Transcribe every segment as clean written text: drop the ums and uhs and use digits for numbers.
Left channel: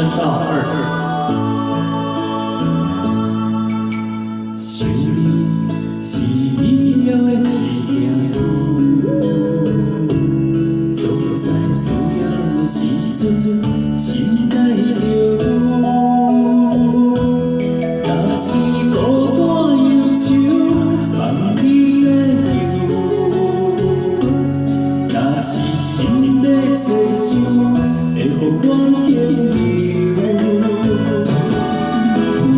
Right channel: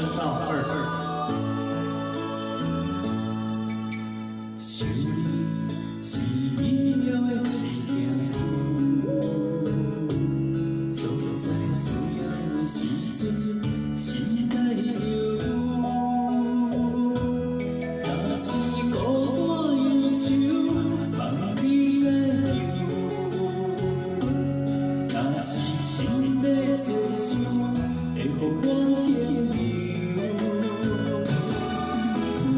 声道二。想你是美妙的一件事，总在需要的时阵，心内着。若是孤单忧愁，望你来救；若是心在做想，会予我添油。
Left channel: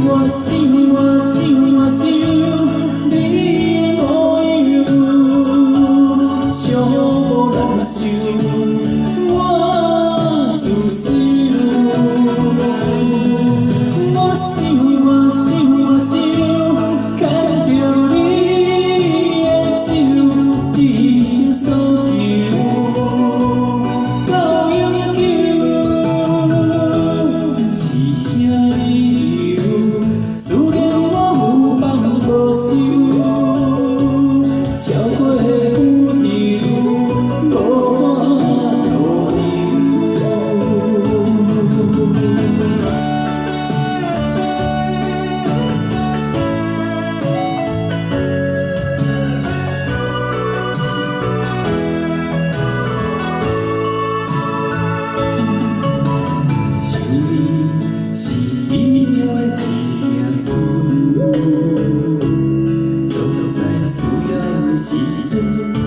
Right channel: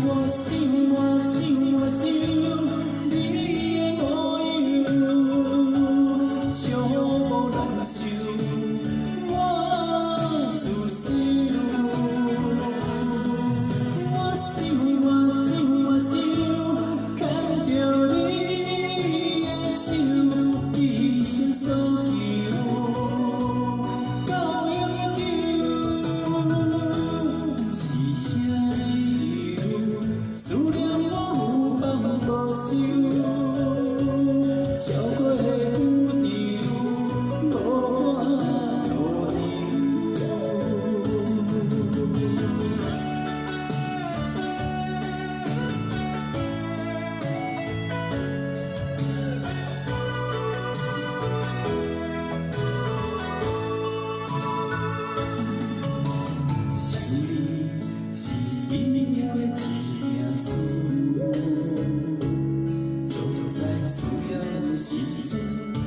我想，我想，我想你的模样，上无人想，我自想。我想，我想，我想，牵着你的手，一生所求，到永久，是啥理由？思念我有放无收，超过有理由，无我路想你是美妙的一件事，总在需要的时阵。